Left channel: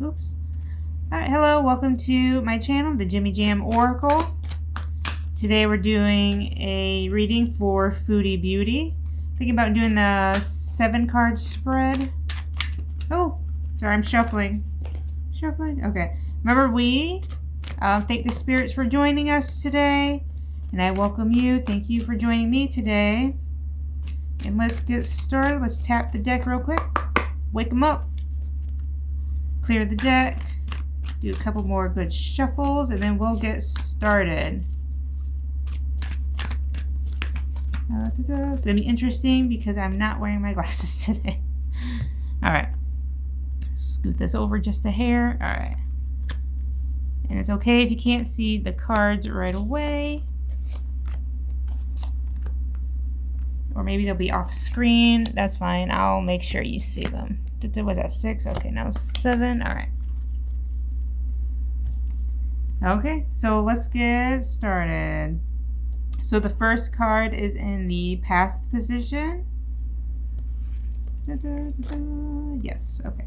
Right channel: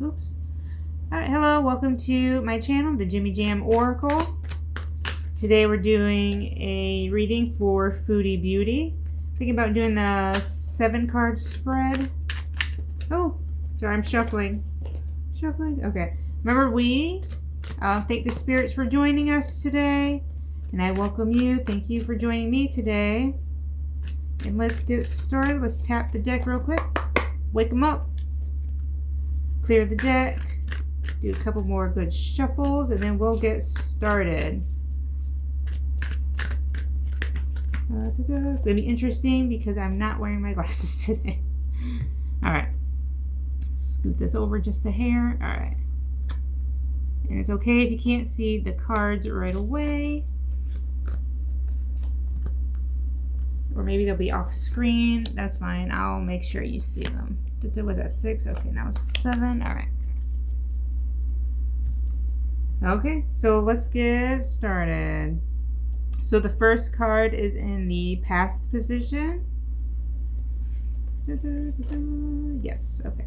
Oops. Alright, hello, welcome to my channel, the Jimmy Jam Oracle. Today we're doing a reading for Foodie Beauty. Thinking about doing the 7-card spread. Oh, sorry, I'm shuffling. Okay. Remember, we thank the spirits for joining us today. And I welcome you. Thank you for joining me today. And let's get started. Let's tap the deck real quick. Wake them up. Clear the deck. Do a couple more good shuffles, and then we'll get started. It's going to be interesting because I'm not wearing my glasses today. Alright. Scoot this over just a hair. Alright. And it's okay if you can't see the cards right away. Or maybe they'll be off screen. That's fine. I'll make sure you see them. Was that 6? Okay, now 7. Alright. Okay, so let's get started. So the first card is in the past position. Yes, okay.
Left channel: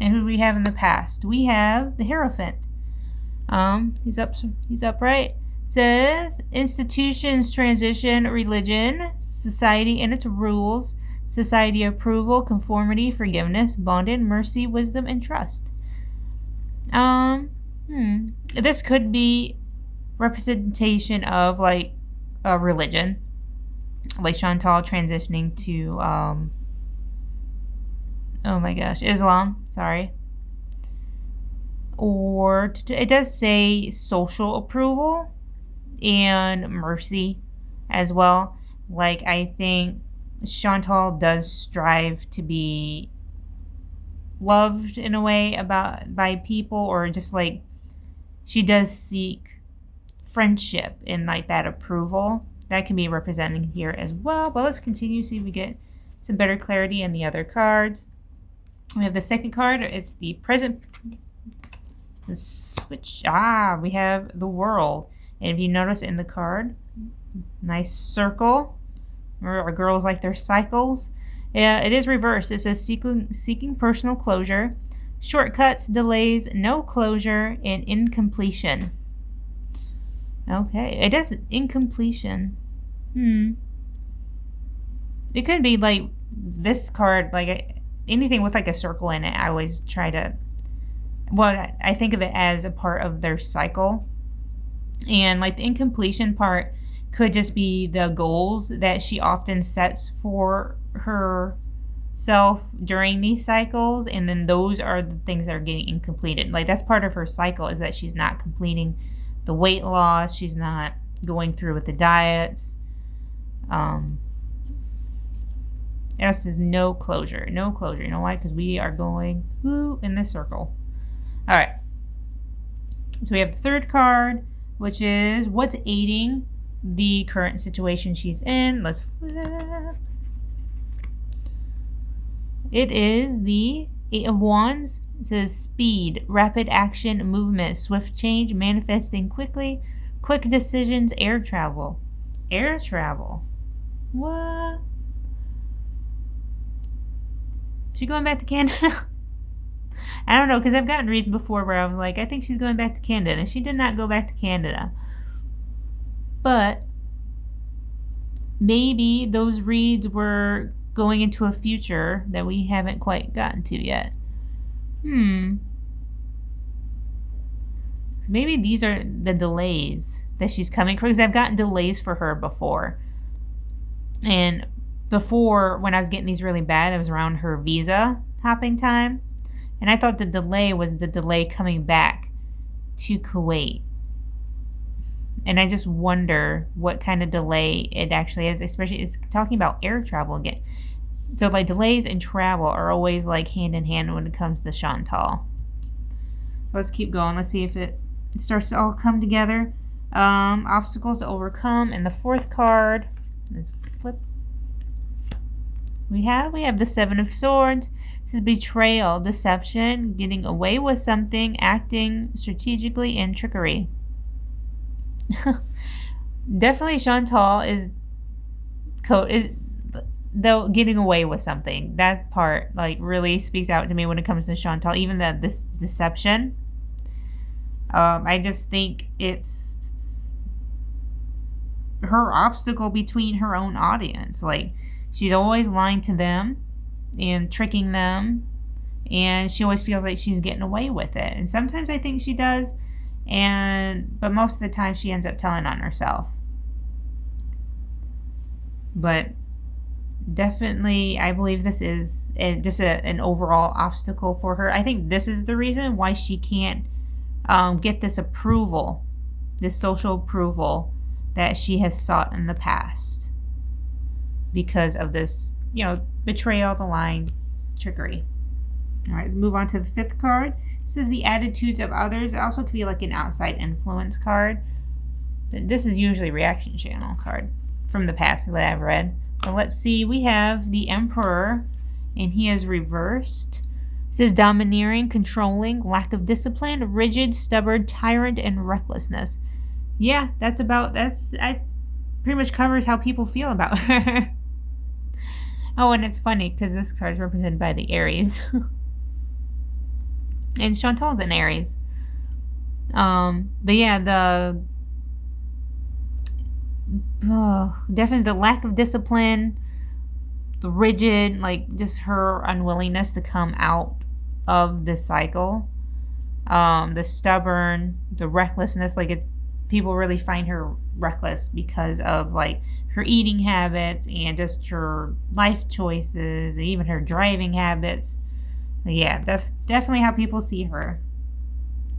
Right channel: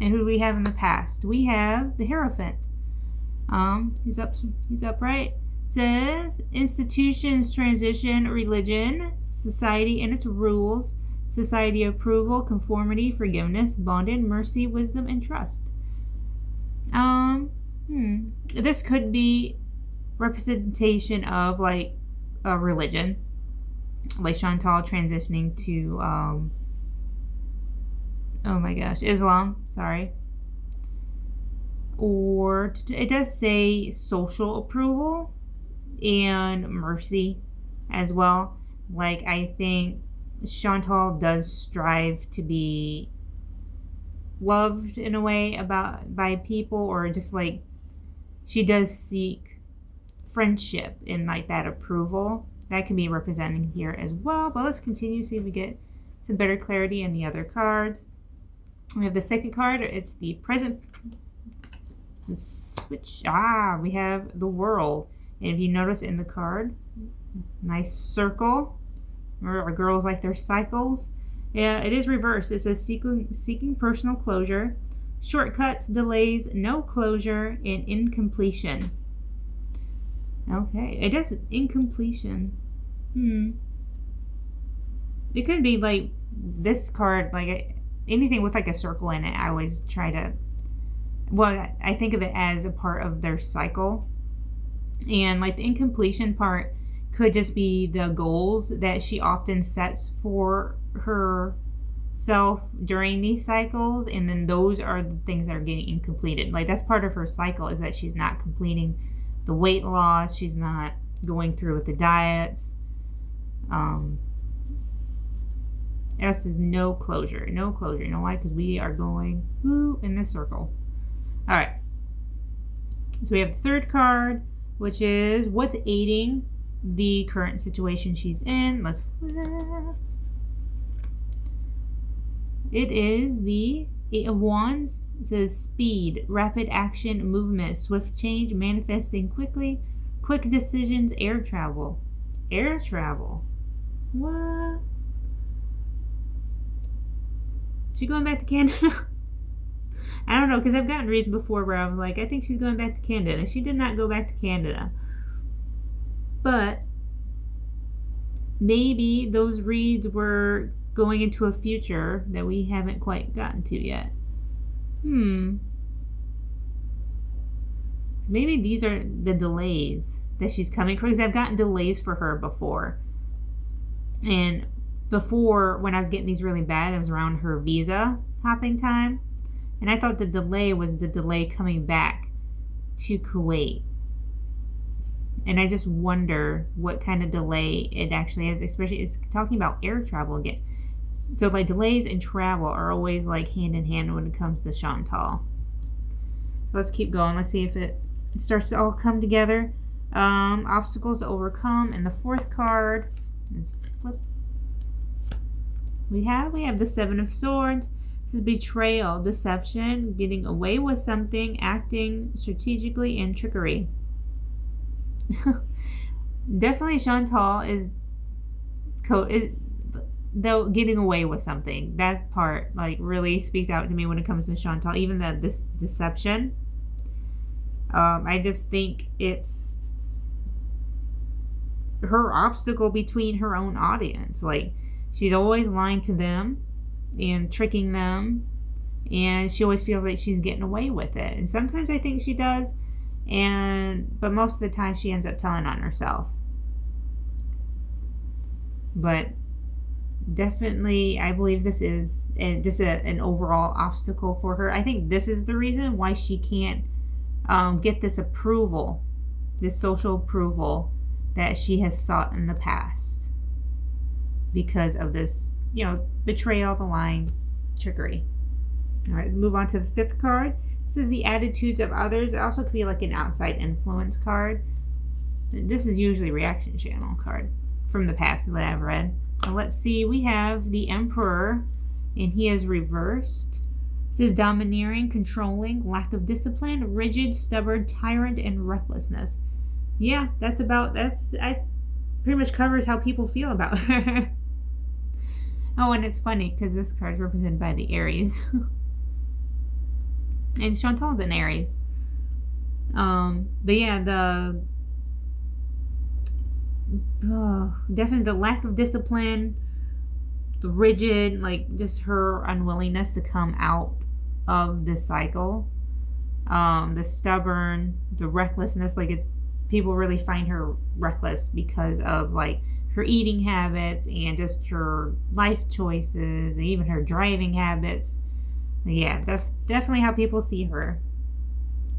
And who do we have in the past? We have the Hierophant. He's upright. Says institutions, transition, religion, society and its rules, society approval, conformity, forgiveness, bonding, mercy, wisdom, and trust. This could be representation of like a religion, like Chantal transitioning to oh my gosh, Islam, sorry. Or it does say social approval and mercy as well. Like, I think Chantal does strive to be loved in a way by people, or just like she does seek friendship and like that approval. That can be represented here as well. But let's continue, see if we get some better clarity in the other cards. We have the second card. It's the present. The switch. We have the world. And if you notice in the card, nice circle. Our girls like their cycles. It is reversed. It says seeking personal closure, shortcuts, delays, no closure, and incompletion. Okay, it is incompletion. It could be like this card, like anything with like a circle in it. I always try to, well, I think of it as a part of their cycle. And like the incompletion part could just be the goals that she often sets for herself during these cycles, and then those are the things that are getting incompleted. Like, that's part of her cycle, is that she's not completing the weight loss, she's not going through with the diets. It says no closure. You know why? Because we are going in this circle. All right, so we have the third card, which is what's aiding the current situation she's in. Let's flip. It is the 8 of Wands. It says speed, rapid action, movement, swift change, manifesting quickly, quick decisions, air travel. Air travel? What? She going back to Canada? I don't know, because I've gotten reads before where I was like, I think she's going back to Canada. And she did not go back to Canada. But maybe those reads were going into a future that we haven't quite gotten to yet. Maybe these are the delays that she's coming, because I've gotten delays for her before. And before, when I was getting these really bad, it was around her visa hopping time. And I thought the delay was the delay coming back to Kuwait. And I just wonder what kind of delay it actually is, especially it's talking about air travel again. So like delays and travel are always like hand in hand when it comes to Chantal. Let's keep going. Let's see if it starts to all come together. Obstacles to overcome. And the fourth card, let's flip. We have the 7 of Swords. This is betrayal, deception, getting away with something, acting strategically, and trickery. Definitely Chantal is though, getting away with something. That part like really speaks out to me when it comes to Chantal. Even this deception. I just think it's her obstacle between her own audience. Like, she's always lying to them and tricking them, and she always feels like she's getting away with it. And sometimes I think she does, but most of the time she ends up telling on herself. But definitely, I believe this is just an overall obstacle for her. I think this is the reason why she can't get this approval, this social approval that she has sought in the past, because of this, betrayal, the lying, trickery. All right, let's move on to the 5th card. This is the attitudes of others. It also could be like an outside influence card. This is usually reaction channel card from the past that I've read. So let's see. We have the Emperor, and he is reversed. It says domineering, controlling, lack of discipline, rigid, stubborn, tyrant, and recklessness. Yeah, I pretty much covers how people feel about her. Oh, and it's funny because this card is represented by the Aries. And Chantal's an Aries. But yeah, definitely the lack of discipline, the rigid, like just her unwillingness to come out of this cycle, the stubborn, the recklessness, people really find her reckless because of like her eating habits and just her life choices and even her driving habits. Yeah, that's definitely how people see her.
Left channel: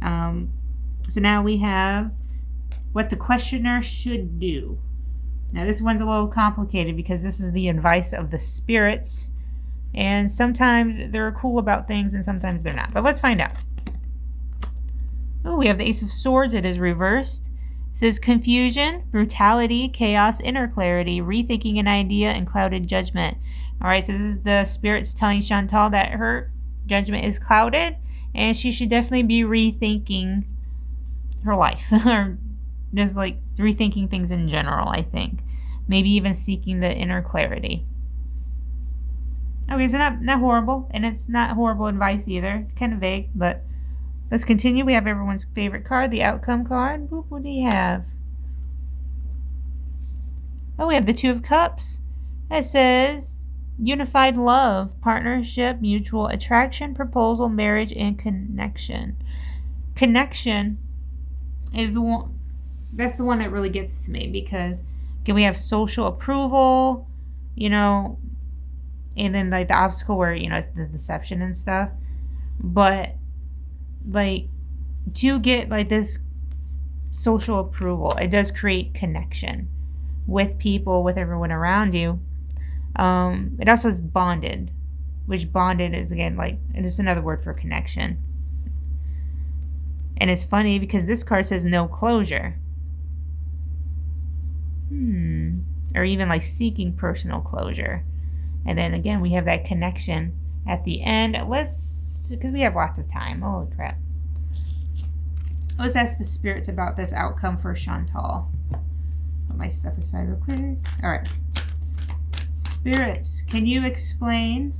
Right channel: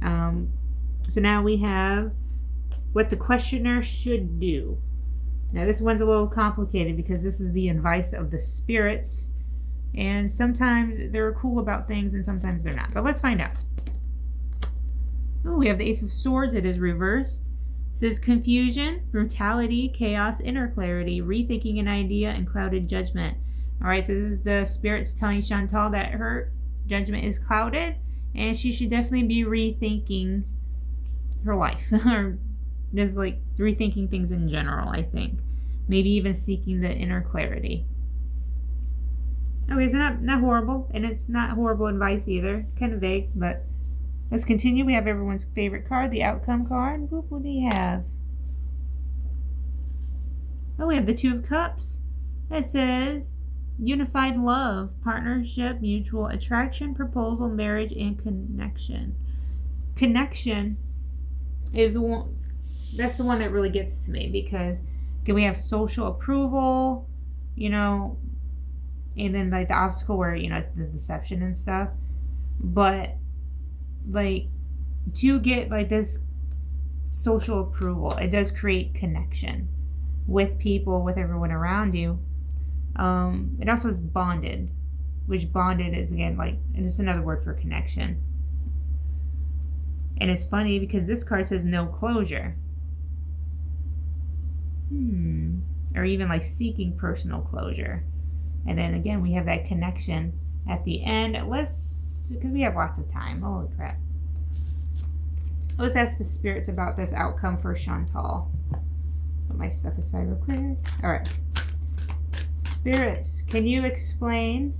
So now we have what the questioner should do. Now this one's a little complicated because this is the advice of the spirits, and sometimes they're cool about things and sometimes they're not. But let's find out. Oh, we have the Ace of Swords. It is reversed. It says confusion, brutality, chaos, inner clarity, rethinking an idea, and clouded judgment. All right, so this is the spirits telling Chantal that her judgment is clouded and she should definitely be rethinking her life or just like rethinking things in general, I think. Maybe even seeking the inner clarity. Okay, so not horrible, and it's not horrible advice either. Kind of vague, but let's continue. We have everyone's favorite card, the outcome card. What do you have? Oh, we have the Two of Cups. That says unified love, partnership, mutual attraction, proposal, marriage, and connection. Connection is the one. That's the one that really gets to me because we have social approval, and then like the obstacle where it's the deception and stuff. But like to get like this social approval, it does create connection with people, with everyone around you. It also is bonded, which bonded is again like just another word for connection. And it's funny because this card says no closure. Or even like seeking personal closure. And then again, we have that connection at the end. Because we have lots of time. Holy crap. Let's ask the spirits about this outcome for Chantal. Put my stuff aside real quick. All right. Spirits, can you explain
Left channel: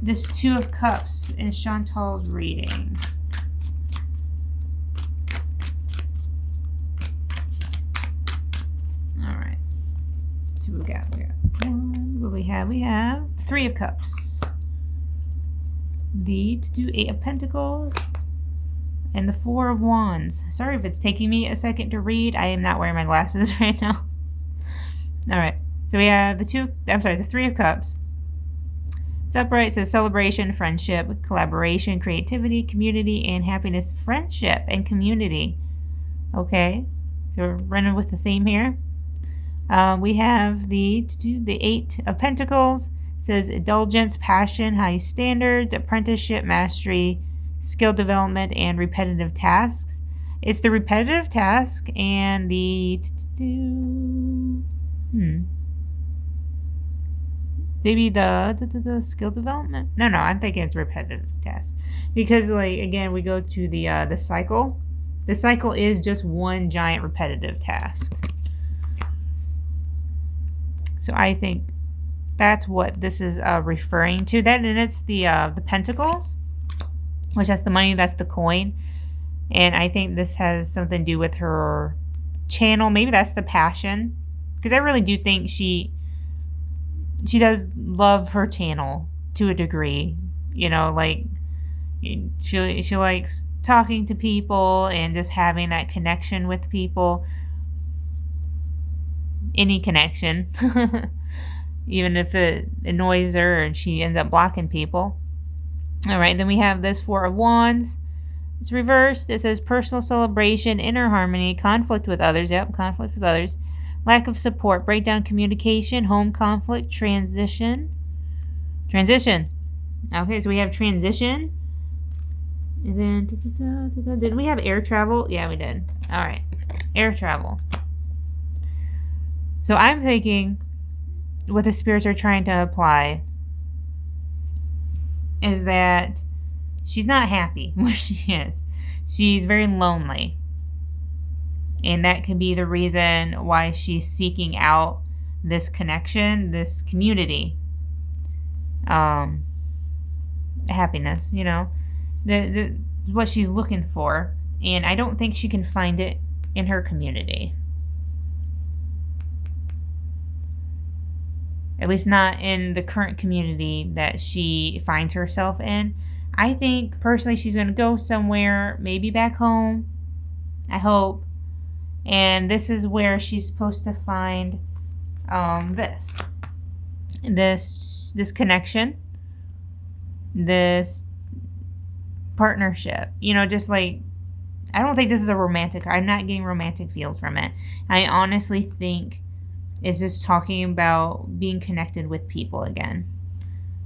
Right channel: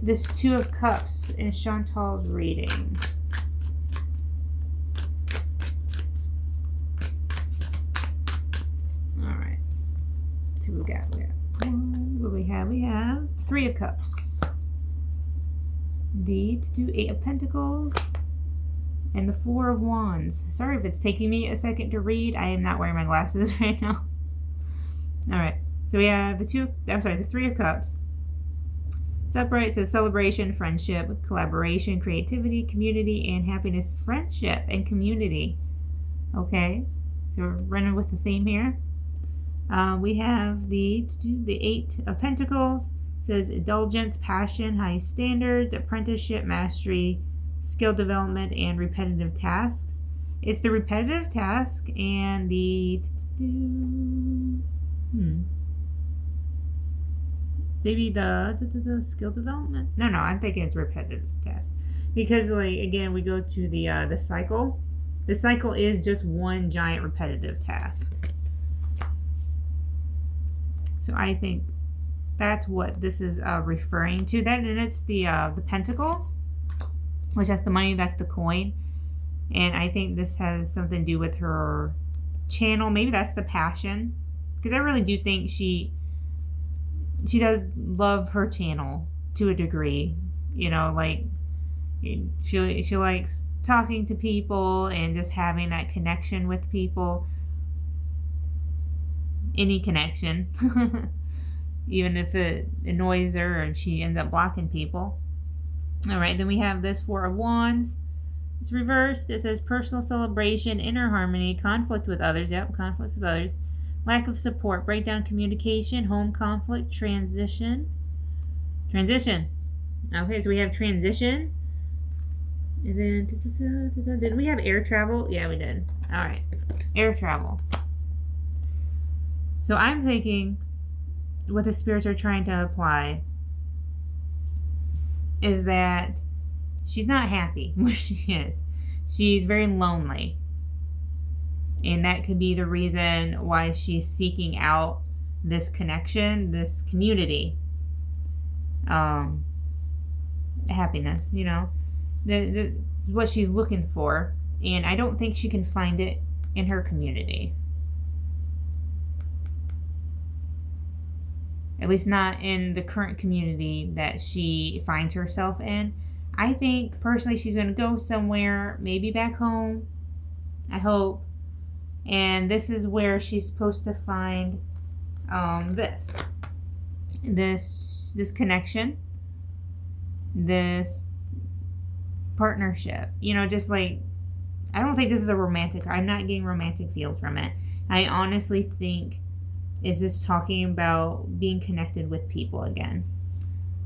this Two of Cups in Chantal's reading? So we got here. What do we have? We have Three of Cups. The Eight of Pentacles. And the Four of Wands. Sorry if it's taking me a second to read. I am not wearing my glasses right now. Alright. So we have the Three of Cups. It's upright. It says celebration, friendship, collaboration, creativity, community, and happiness. Friendship and community. Okay. So we're running with the theme here. We have the Eight of Pentacles. It says indulgence, passion, high standards, apprenticeship, mastery, skill development, and repetitive tasks. It's the repetitive task and the maybe the skill development. No, I'm thinking it's repetitive tasks because like again we go to the cycle. The cycle is just one giant repetitive task. So I think that's what this is referring to. Then, and it's the pentacles, which that's the money, that's the coin. And I think this has something to do with her channel. Maybe that's the passion, because I really do think she does love her channel to a degree. You know, like she likes talking to people and just having that connection with people. Any connection, even if it annoys her and she ends up blocking people. All right, then we have this Four of Wands. It's reversed. It says personal celebration, inner harmony, conflict with others. Yep, conflict with others. Lack of support, breakdown communication, home conflict, transition. Transition. Okay, so we have transition. And then, did we have air travel? Yeah, we did. All right, air travel. So I'm thinking what the spirits are trying to apply is that she's not happy where she is. She's very lonely. And that could be the reason why she's seeking out this connection, this community. Happiness, you know. What she's looking for. And I don't think she can find it in her community. At least not in the current community that she finds herself in. I think, personally, she's going to go somewhere, maybe back home, I hope. And this is where she's supposed to find this connection, this partnership. You know, just like, I don't think this is a romantic, I'm not getting romantic feels from it. I honestly think it's just talking about being connected with people again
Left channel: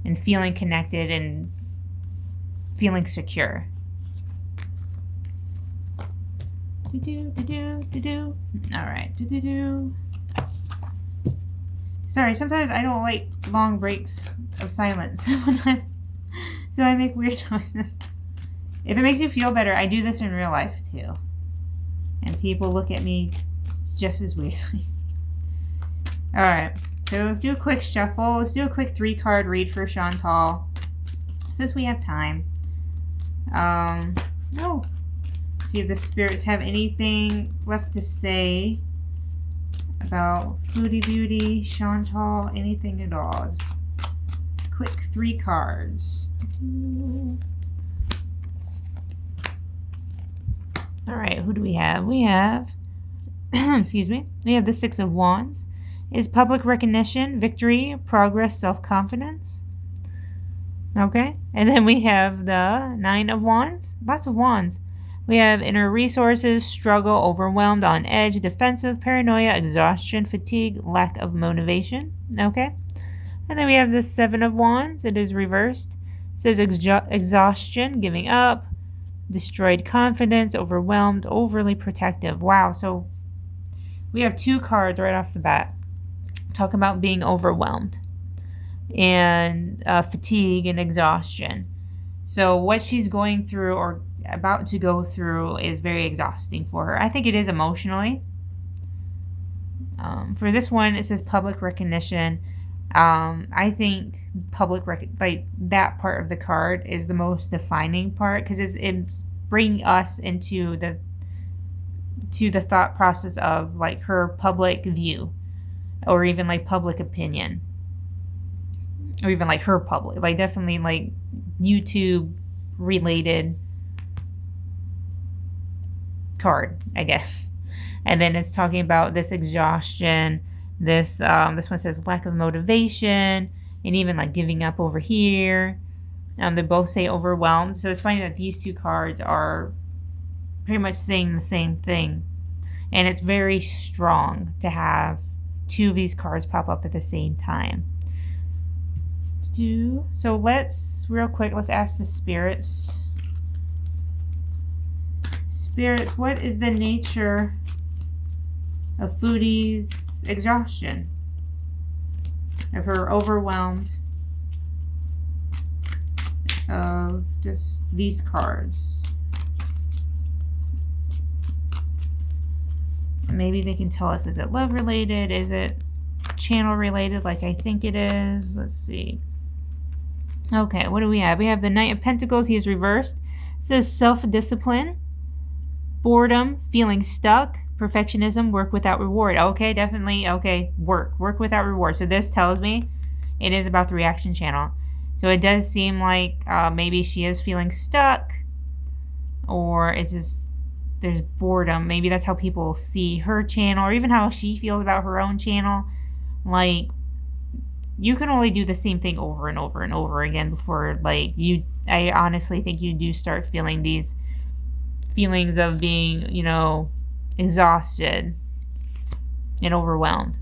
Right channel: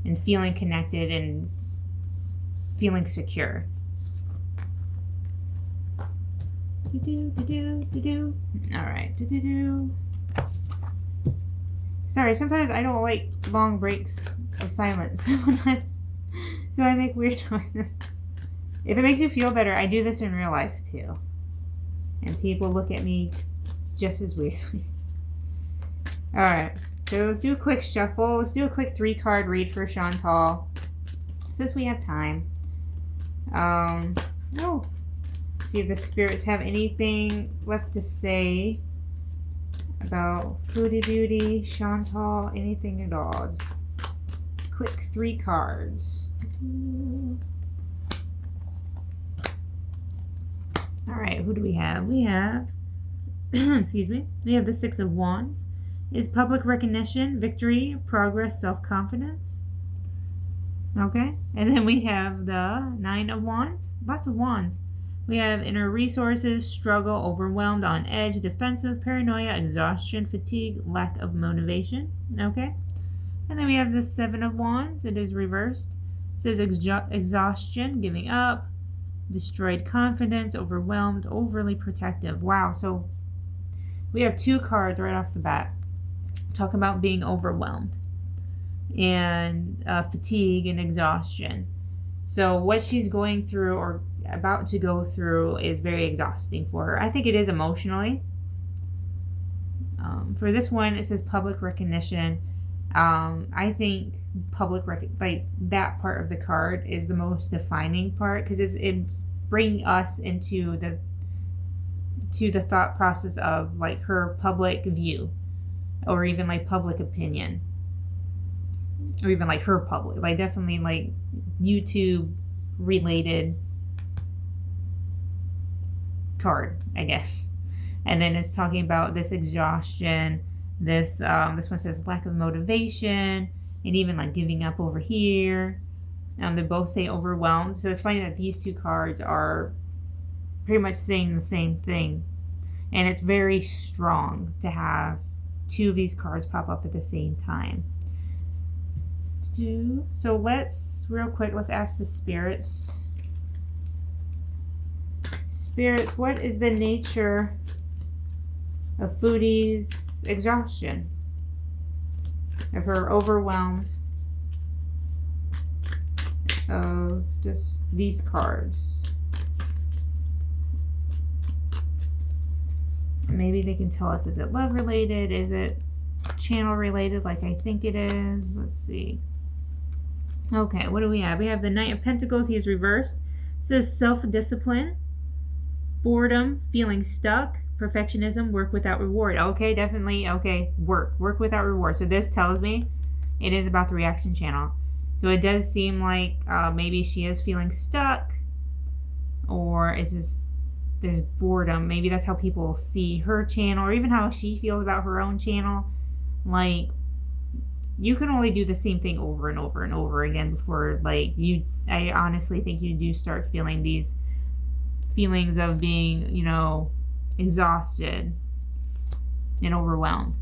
and feeling connected and feeling secure. All right. Sorry, sometimes I don't like long breaks of silence. So I make weird noises. If it makes you feel better, I do this in real life too. And people look at me just as weirdly. Alright, so let's do a quick shuffle. Let's do a quick 3-card read for Chantal, since we have time. See if the spirits have anything left to say about Foodie Beauty, Chantal, anything at all. Just quick 3 cards. Alright, who do we have? We have, excuse me, we have the 6 of Wands. Is public recognition, victory, progress, self-confidence. Okay, and then we have the 9 of Wands. Lots of Wands. We have inner resources, struggle, overwhelmed, on edge, defensive, paranoia, exhaustion, fatigue, lack of motivation. Okay, and then we have the 7 of Wands. It is reversed. It says exhaustion, giving up, destroyed confidence, overwhelmed, overly protective. Wow, so we have 2 cards right off the bat talking about being overwhelmed and fatigue and exhaustion. So what she's going through or about to go through is very exhausting for her. I think it is emotionally. For this one, it says public recognition. I think like that part of the card is the most defining part, because it's bringing us into the thought process of like her public view, or even like public opinion, or even like her public, like definitely like YouTube related card, I guess. And then it's talking about this exhaustion, this one says lack of motivation, and even like giving up over here. They both say overwhelmed. So it's funny that these 2 cards are pretty much saying the same thing, and it's very strong to have 2 of these cards pop up at the same time. So let's real quick, let's ask the spirits. Spirits, what is the nature of Foodie's exhaustion, of her overwhelmed, of just these cards? Maybe they can tell us, is it love related? Is it channel related like I think it is. Let's see. Okay, what do we have? We have the Knight of Pentacles. He is reversed. It says self-discipline, boredom, feeling stuck, perfectionism, work without reward. Okay, definitely. Okay, work without reward. So this tells me it is about the reaction channel. So it does seem like maybe she is feeling stuck, or it's just there's boredom. Maybe that's how people see her channel, or even how she feels about her own channel. Like, you can only do the same thing over and over and over again before, like, I honestly think you do start feeling these feelings of being, you know, exhausted and overwhelmed.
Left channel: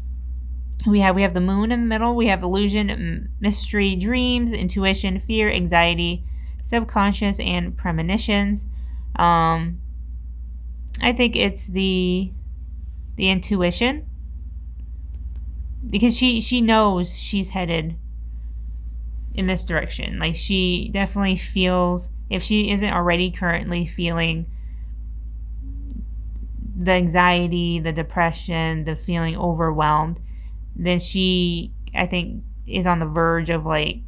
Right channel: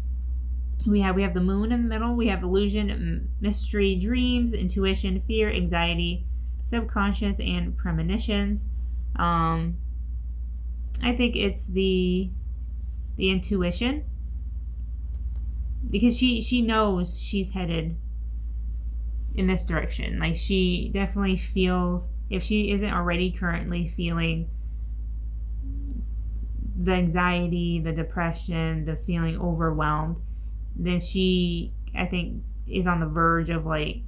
We have the moon in the middle. We have illusion, mystery, dreams, intuition, fear, anxiety, subconscious, and premonitions. I think it's the intuition, because she knows she's headed in this direction. Like, she definitely feels, if she isn't already currently feeling the anxiety, the depression, the feeling overwhelmed, then she, I think, is on the verge of, like,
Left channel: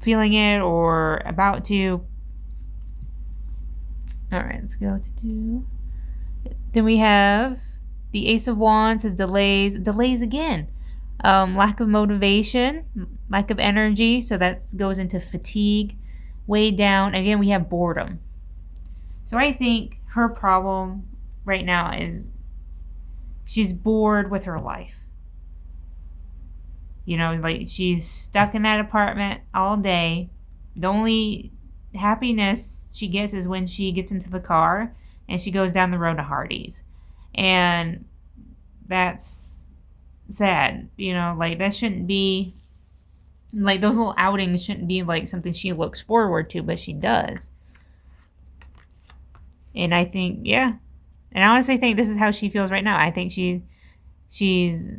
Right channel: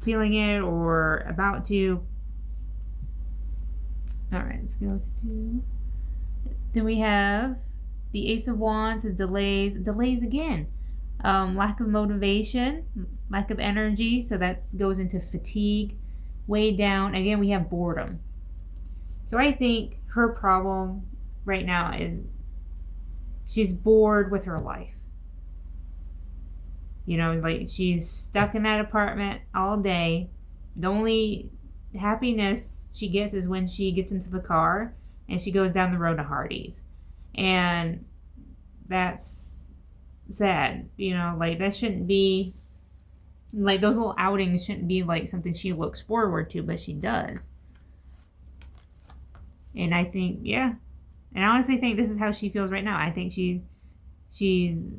feeling it or about to. All right, let's go to 2. Then we have the Ace of Wands says delays again. Lack of motivation, lack of energy, so that goes into fatigue, weighed down. Again, we have boredom. So I think her problem right now is she's bored with her life. You know, like, she's stuck in that apartment all day. The only happiness she gets is when she gets into the car and she goes down the road to Hardee's. And that's sad. You know, like, that shouldn't be, like, those little outings shouldn't be, like, something she looks forward to, but she does. And I think, yeah. And I honestly think this is how she feels right now. I think she's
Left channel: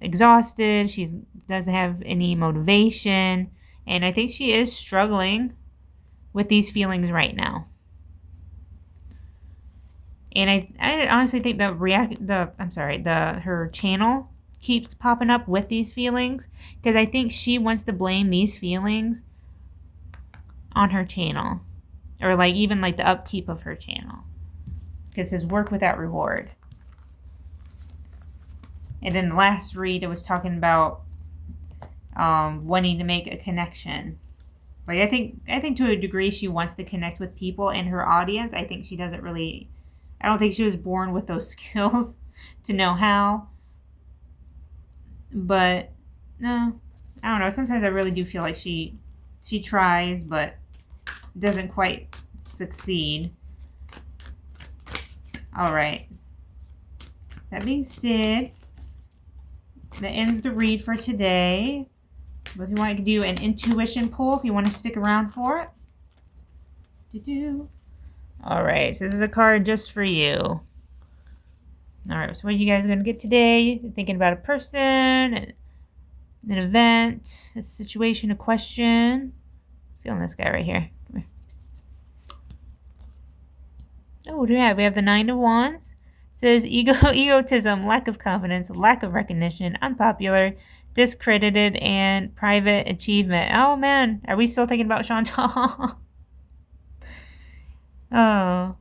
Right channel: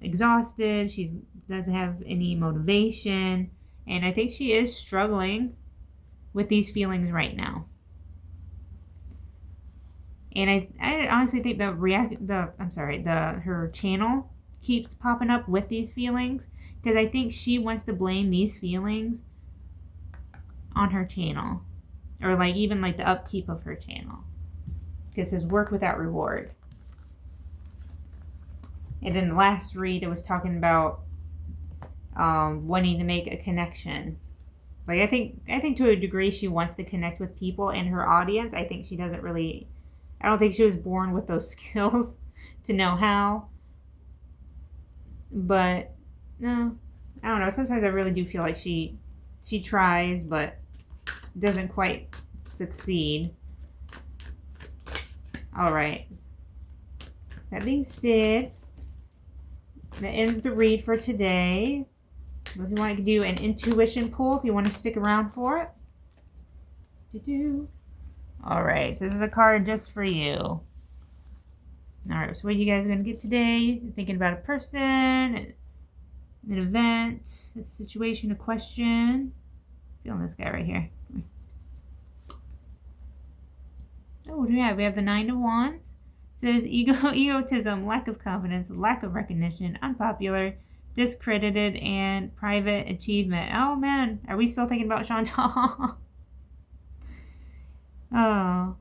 exhausted. She doesn't have any motivation. And I think she is struggling with these feelings right now. And I honestly think her channel keeps popping up with these feelings, because I think she wants to blame these feelings on her channel, or, like, even, like, the upkeep of her channel, because it's work without reward. And then the last read, it was talking about wanting to make a connection. Like, I think to a degree she wants to connect with people in her audience. I think she doesn't really, I don't think she was born with those skills to know how. But no, I don't know. Sometimes I really do feel like she tries, but doesn't quite succeed. All right. That being said, that ends the read for today. If you want to do an intuition pull, if you want to stick around for it. All right, so this is a card just for you. All right, so what are you guys going to get today? You're thinking about a person, an event, a situation, a question. Feeling this guy right here. Come here. Oh, what do we have? We have the 9 of Wands. It says egotism, lack of confidence, lack of recognition, unpopular, discredited, and private achievement. Oh, man. Are we still thinking about Chantal? Oh.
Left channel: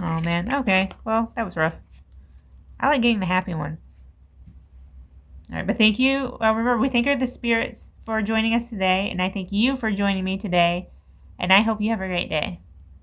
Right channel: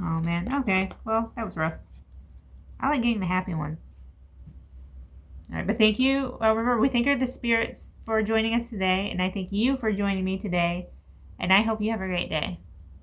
Oh, man. Okay. Well, that was rough. I like getting the happy one. All right, but thank you. Remember, we thank the spirits for joining us today, and I thank you for joining me today, and I hope you have a great day.